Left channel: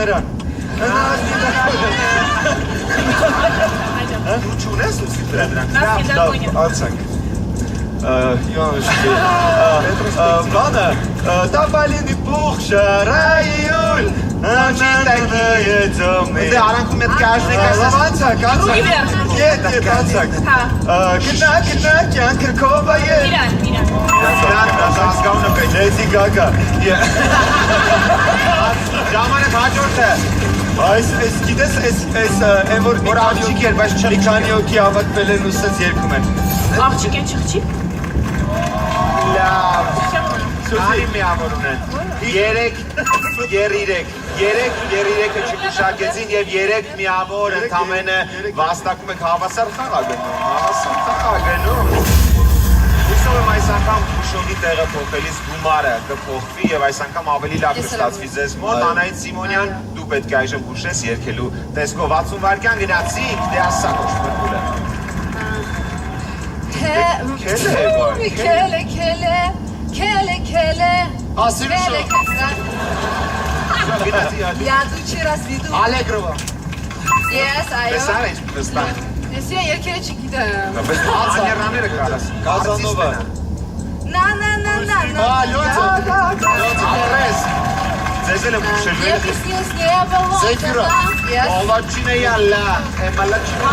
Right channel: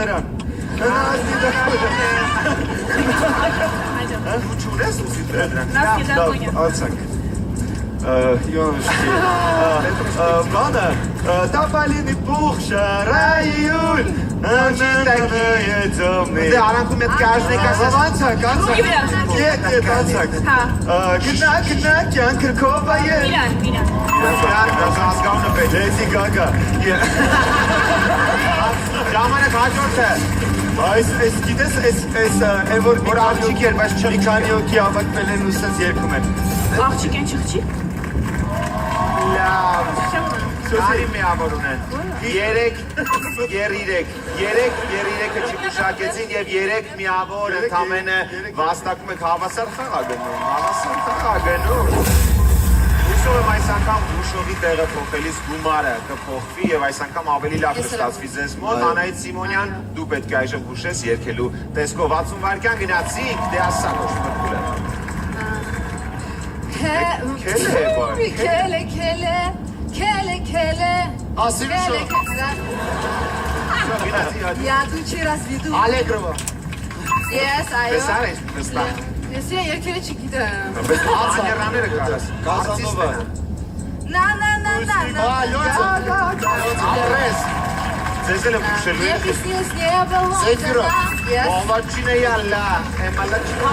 նրան։ Չունես ուսի վրա դրանք։ Անցանք։ Յոնշկի։ Բանը, տապալինի պուխ շարայույլ, անջիտակի ծոմի։ Դե արանքում էտ կաշնեք ասաս։ Անցանք, Ետ, անցանք։ Գնա, կյան կրկովա ետ։ Հասկավնը պեջ, էսի գագա։ Ժամանակ հաջորդ է։ Այս գիտես, են որ մի աղջիկ էր, բայց մի քանի օքի ավատվել են ու սենց երկում են։ Աղջիկ են չղջի։ Լավ։ Սուսի մի ամոր ունեն։ Երեք երիրեքը չմշակեցին և երեք մի ամոր ընդամենը վաստակում եք հավասար խաղագնում։ Հավասար խաղագնում։ Հուսով եմ այս անգամ ուշոնի տեղը փոխելիս գումարը կփոխվի և այս անգամ ավելի լավ կստացվի ձեզ մոտ։ Անահիտ Սիմոնյան, դու պետք է այժմ հուշես երգելու տեսքով 60 վայրկյան գնացինք, դե ասա կոշպրկուլը։ Քելե Ասիմ շո։ Я тут через виду. Ալեգրովա։ Yes, այո։ Տեսար ես վստահ։ Ես երկերը չգիտեմ։ Բայց աներաները կարաս։ Կազանովա։ Na. Լույցը։ Ապրես։ Ձեզ էլ եմ ուշելու Ես նեբալո։ Զեֆիրը։ Yes. Ոլոչինը յալլա, էմալաչինը։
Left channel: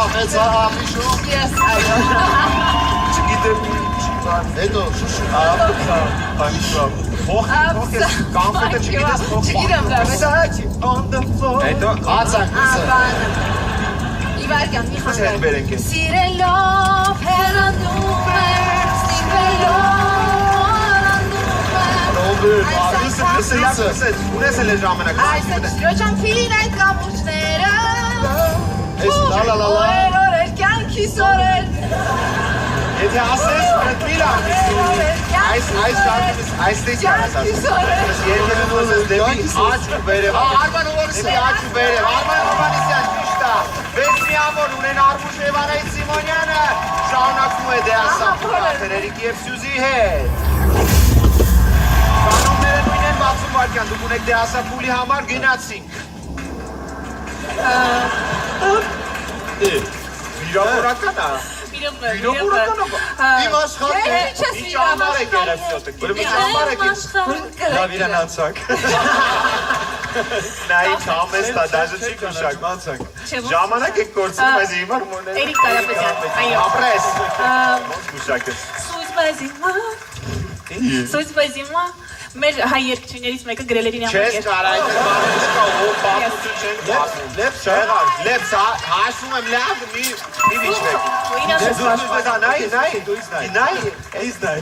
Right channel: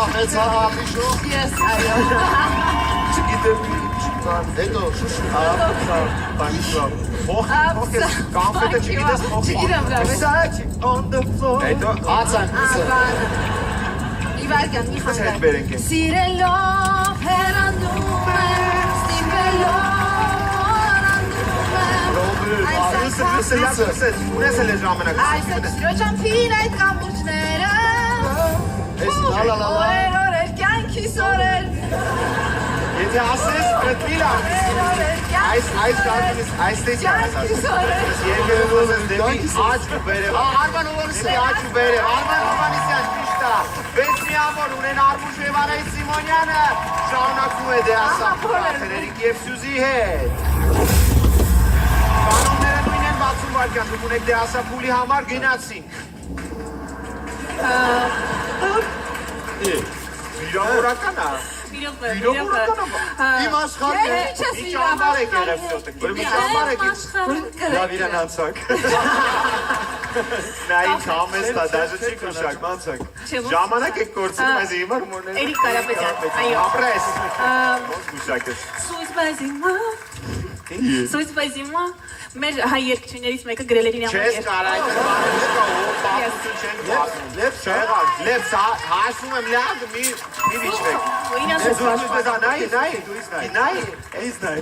Աղեց աղիշո։ Yes, այո։ Չգիտեմ հետո շուշու աղիշո։ Հոխի, կամպետը չգիտես Չգիտեմ դա, բայց հետո անցանք ուսը։ Իվարկյան, մի Հետ խաղակ։ բերենք է։ Սիրելով հեռանում եմ, Ունես էլ է ժամանակ։ Այս է ճոճամփին այդ կապուճները Ես լալալալա։ Օրեր կյանքիս օրեր Եթե ասես պրտմիլ այստես յանես ասես Երկերն ուզես դեպի աչ ու բերև Դեպի աչ ու բերև Արման Ուվանիսյան ճիշտա Վեց մի ամոր ունեն Արմուշ և Անահիտ Սիմոնյանը Շարունակում է դե ասա Թերերիկ և Սյուզի հետ Կանոնները նույն են 60 վայրկյան դուք ունեք դե ասա փուլի համար գնացինք Վիրավորական է Իմ աշխատն է։ Ինչ ամար եք եղև սոտը Լավ իրան անցակ։ Նա ինչ ամեստ է, դաժը չի կնշակ անցակ Ժամանակ եք կործում այս հիմար մորներ Էրիկ Կարապետյան, այո Ապրես Կնշակես Սույց պայզիմա մեր հայ երկչուներից մեկը գրել էր իր Չես կար այդ պատմություն չենք պատմում Լեպս հասում եմ լավ մի վիճնեք Նայ, դու իզ նայ